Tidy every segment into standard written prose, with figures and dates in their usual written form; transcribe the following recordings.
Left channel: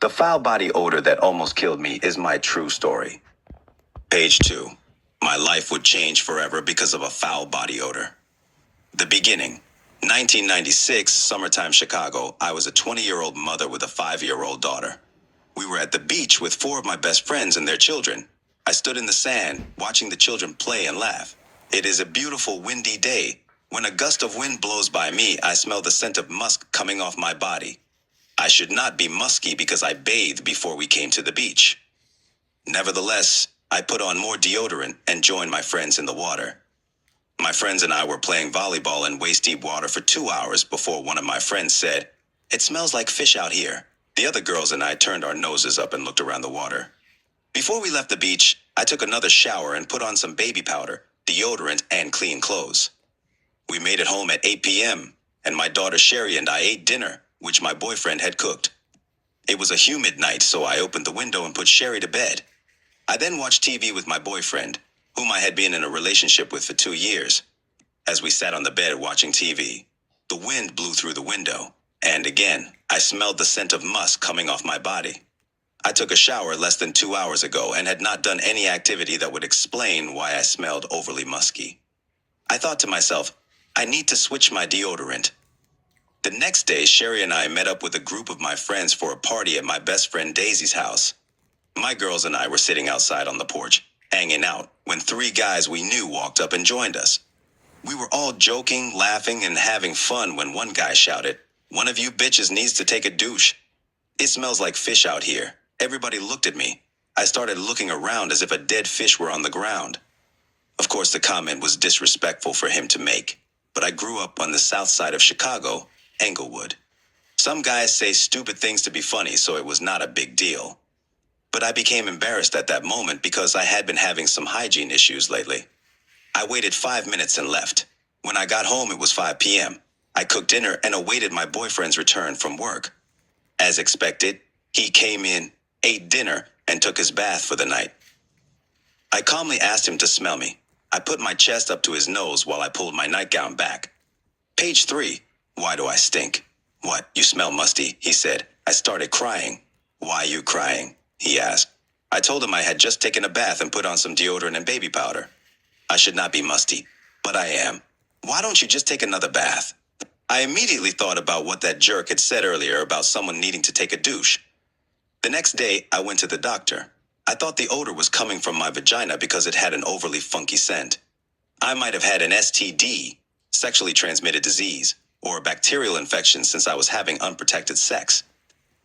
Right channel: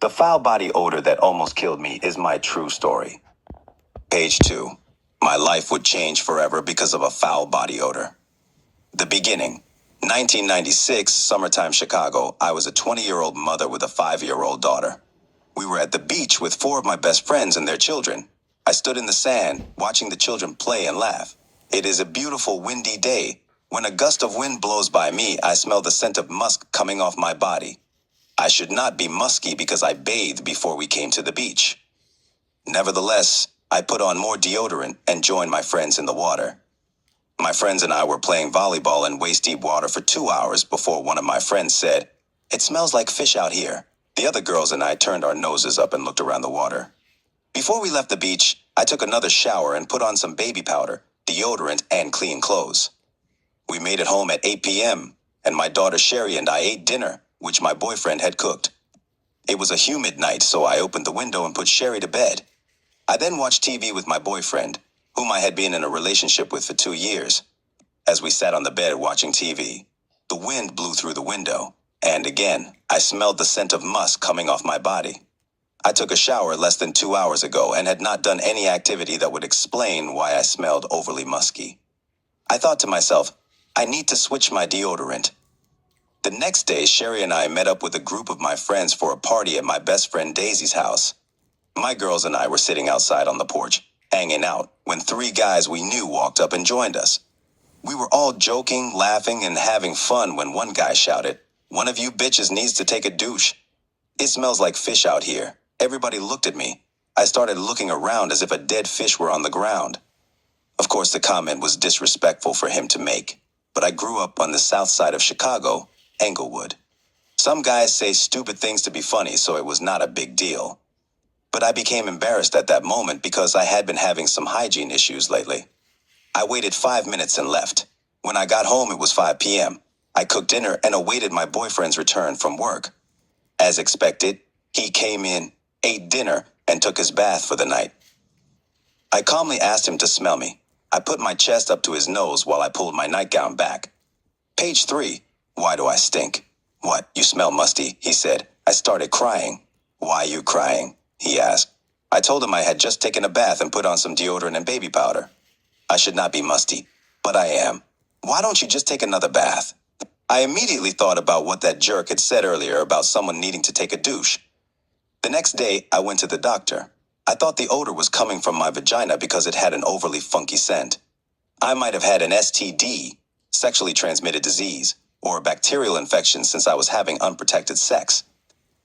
The foul body odor that almost killed me is my true story. Page 2. My life would change forever because of a foul body odor. The beginning. 1996, summertime Chicago. I was a 20-year-old mother with a 5-year-old daughter. We were at the beach with 4 of my best friends and their children. I stood in the sand, watching the children play and laugh. It is a beautiful, windy day. When a gust of wind blows by me, I smell the scent of musk coming off my body. I should not be musky because I bathed before we came to the beach. Nevertheless, I put on more deodorant and joined my friends in the water. My friends and I were playing volleyball in waist-deep water for 2 hours before one of my friends said, "It smells like fish out here." The other girls and I turned our noses up and looked around the water. Before we left the beach, I took another shower and put on some baby powder, deodorant, and clean clothes. We made it home at 8 p.m., and my daughter Sherry and I ate dinner, which my boyfriend had cooked. It was a humid night, so I opened the window and put Sherry to bed. I then watched TV with my boyfriend, whom I had been in a relationship with for 2 years. As we sat on the bed watching TV, the wind blew through the window, and again, I smelled the scent of musk coming off my body. I took a shower less than 2 hours ago and had not done any activity that would explain why I smelled overly musky. I thought to myself, I need to switch my deodorant. The next day, Sherry and I met up with a group of my friends for a party at my best friend Daisy's house. My girls and I were sitting outside on the porch, hanging out, when 3 guys we knew walked up and joined us. We were all joking, laughing, and having fun when one guy shouted, "One of you bitches needs to take a douche. It smells like fish out here." Everybody looked at me. I started looking around as if a dead fish were on the ground. Of course, the comment was disrespectful for him to make, but I grew up on the south side of Chicago, Englewood. Some guys say stupid things to be funny, so it was not a big deal. But I became embarrassed at that moment because I had been having some hygiene issues lately. I waited 5 minutes and left. When I got home, it was 5 p.m. I cooked dinner and awaited my boyfriend's return from work. As expected, he came in, ate dinner, and took his bath for the night. I calmly asked him to smell me. I put my chest up to his nose while I pulled my nightgown back. Page 3. Why do I stink? "What, you smell musty," he said. I started crying. "Why you crying?" he asked. I told him I had just taken a bath and put on some deodorant and baby powder. I should not be musty, but I am. "Why don't you just take another bath?" I immediately thought about what that jerk had said earlier about someone needing to take a douche. The next day, I went to the doctor. I thought the odor was coming from my vagina because it had an overly funky scent. I might have had an STD, sexually transmitted disease, or a bacterial infection since I was having unprotected sex.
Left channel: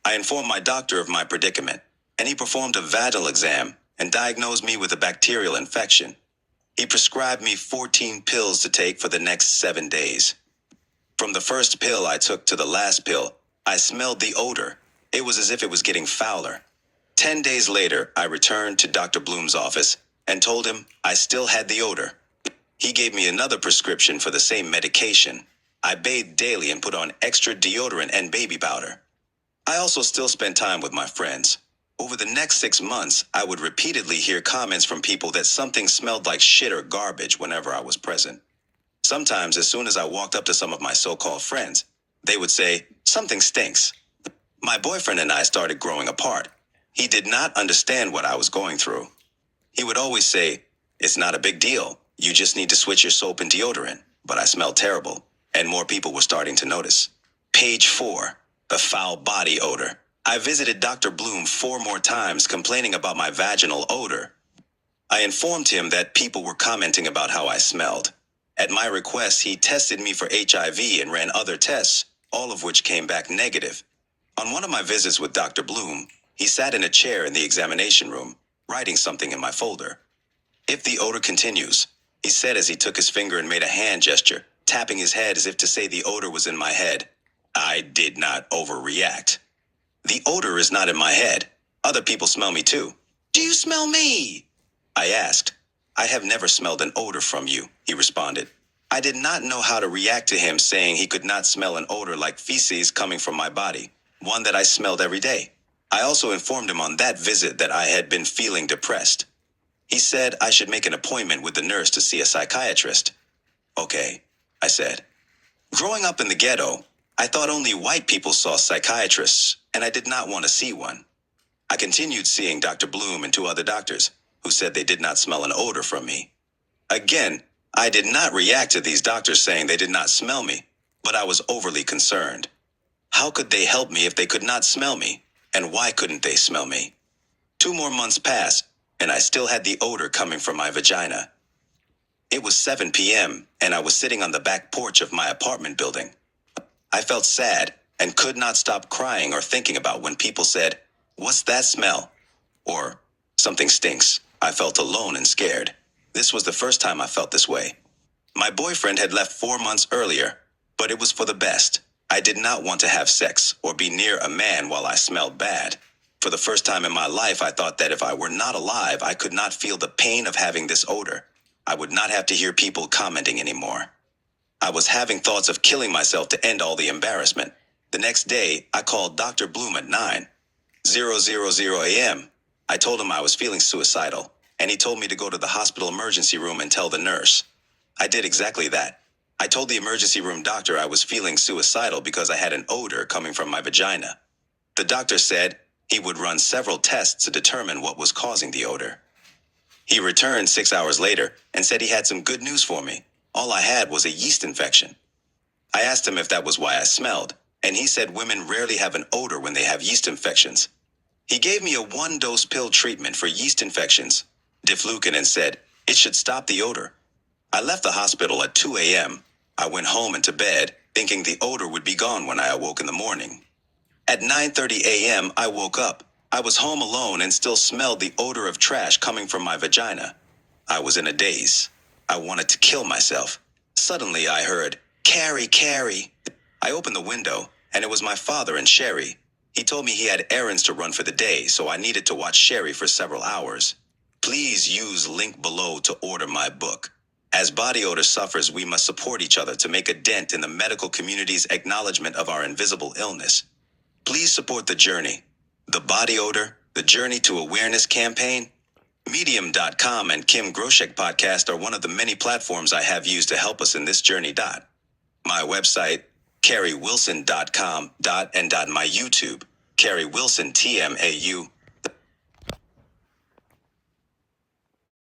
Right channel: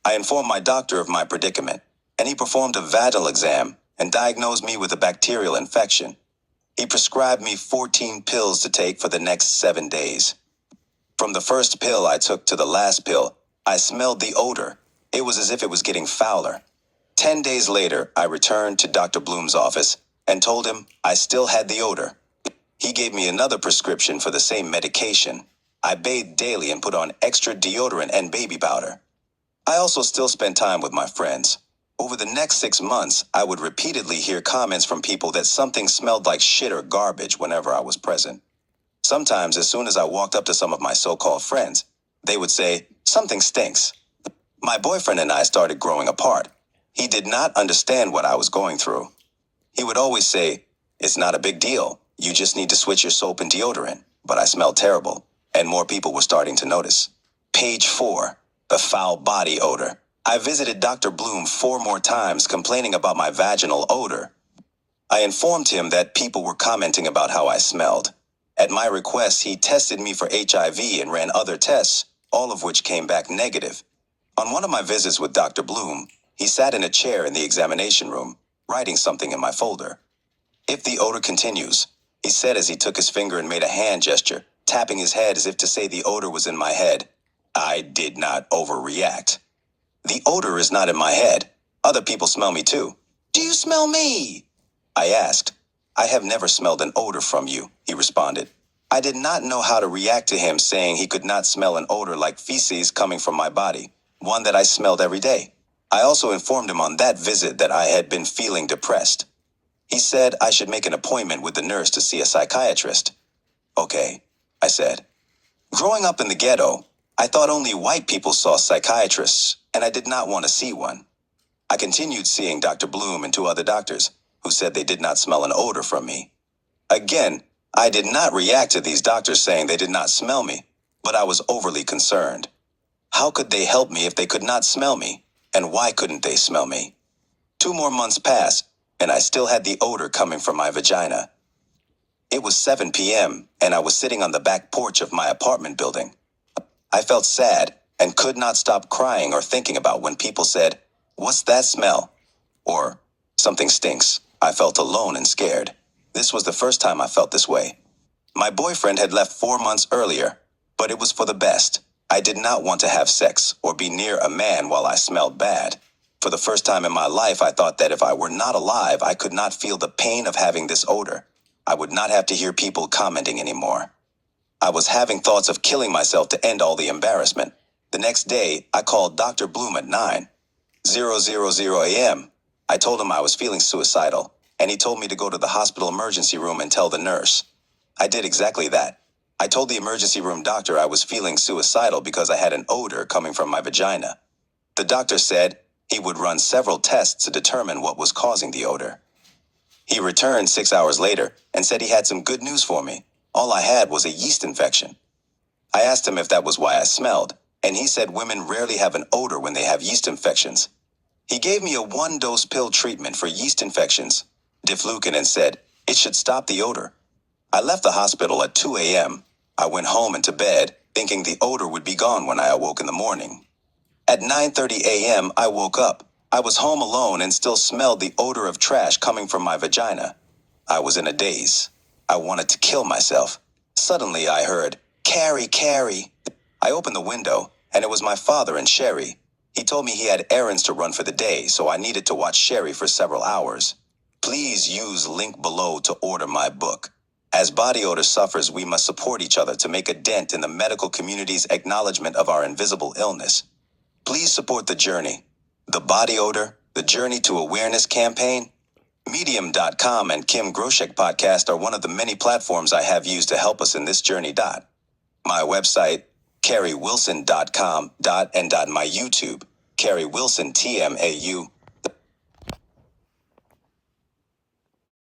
I informed my doctor of my predicament, and he performed a vaginal exam and diagnosed me with a bacterial infection. He prescribed me 14 pills to take for the next 7 days. From the first pill I took to the last pill, I smelled the odor. It was as if it was getting fouler. 10 days later, I returned to Dr. Bloom's office and told him I still had the odor. He gave me another prescription for the same medication. I bathed daily and put on extra deodorant and baby powder. I also still spent time with my friends. Over the next 6 months, I would repeatedly hear comments from people that something smelled like shit or garbage whenever I was present. Sometimes, as soon as I walked up to some of my so-called friends, they would say, "Something stinks." My boyfriend and I started growing apart. He did not understand what I was going through. He would always say, "It's not a big deal. You just need to switch your soap and deodorant." But I smelled terrible, and more people were starting to notice. Page 4. The foul body odor. I visited Dr. Bloom 4 more times complaining about my vaginal odor. I informed him that people were commenting about how I smelled. At my request, he tested me for HIV and ran other tests, all of which came back negative. On one of my visits with Dr. Bloom, he sat in a chair in the examination room, writing something in my folder. "If the odor continues," he said as he took his finger and made a hand gesture, tapping his head as if to say the odor was in my head. I did not overreact. "The odor is not in my head. Other people smell me too." "Do you smell me?" I asked. "I have never smelled an odor from you," he responded. I did not know how to react to him saying he could not smell an odor like feces coming from my body, one that I smelled every day. I also informed him on that visit that I had been feeling depressed. He said I should make an appointment with the nurse to see a psychiatrist. "Okay," I said. Growing up in the ghetto, I thought only white people saw psychiatrists, and I did not want to see one. I continued seeing Dr. Bloom and two other doctors, who said they did not smell an odor from me. Again, I did not react to these doctors saying they did not smell me, but I was overly concerned. How could they help me if they could not smell me? And why couldn't they smell me? 2 more months passed, and I still had the odor coming from my vagina. It was 7 p.m., and I was sitting on the back porch of my apartment building. I felt sad and could not stop crying or thinking about when people said, "What's that smell?" or "Something stinks." I felt alone and scared. This was the first time I felt this way. My boyfriend had left 4 months earlier, but it was for the best. I did not want to have sex or be near a man while I smelled bad. For the first time in my life, I thought that if I were not alive, I could not feel the pain of having this odor. I would not have to hear people commenting anymore. I was having thoughts of killing myself to end all the embarrassment. The next day, I called Dr. Bloom at 9:00 a.m. I told him I was feeling suicidal, and he told me to go to the hospital emergency room and tell the nurse. I did exactly that. I told the emergency room doctor I was feeling suicidal because I had an odor coming from my vagina. The doctor said he would run several tests to determine what was causing the odor. He returned 6 hours later and said he had some good news for me. All I had was a yeast infection. I asked him if that was why I smelled, and he said women rarely have an odor when they have yeast infections. He gave me a 1-dose pill treatment for yeast infections, diflucan, and said it should stop the odor. I left the hospital at 2 a.m. I went home and to bed, thinking the odor would be gone when I awoke in the morning. At 9:30 a.m., I woke up. I was home alone and still smelled the odor of trash coming from my vagina. I was in a daze. I wanted to kill myself. Suddenly, I heard, "Carrie, Carrie." I opened the window, and it was my father and Sherry. He told me he had errands to run for the day, so I needed to watch Sherry for several hours. Please use link below to order my book. As body odor sufferers, we must support each other to make a dent in the medical community's acknowledgement of our invisible illness. Please support the journey. The Body Odor, the Journey to Awareness campaign. Medium.com and Kim Groshek podcast are one of the many platforms I have used to help us in this journey. My website, carriewilson.com. And my YouTube, Carrie Wilson TMAU.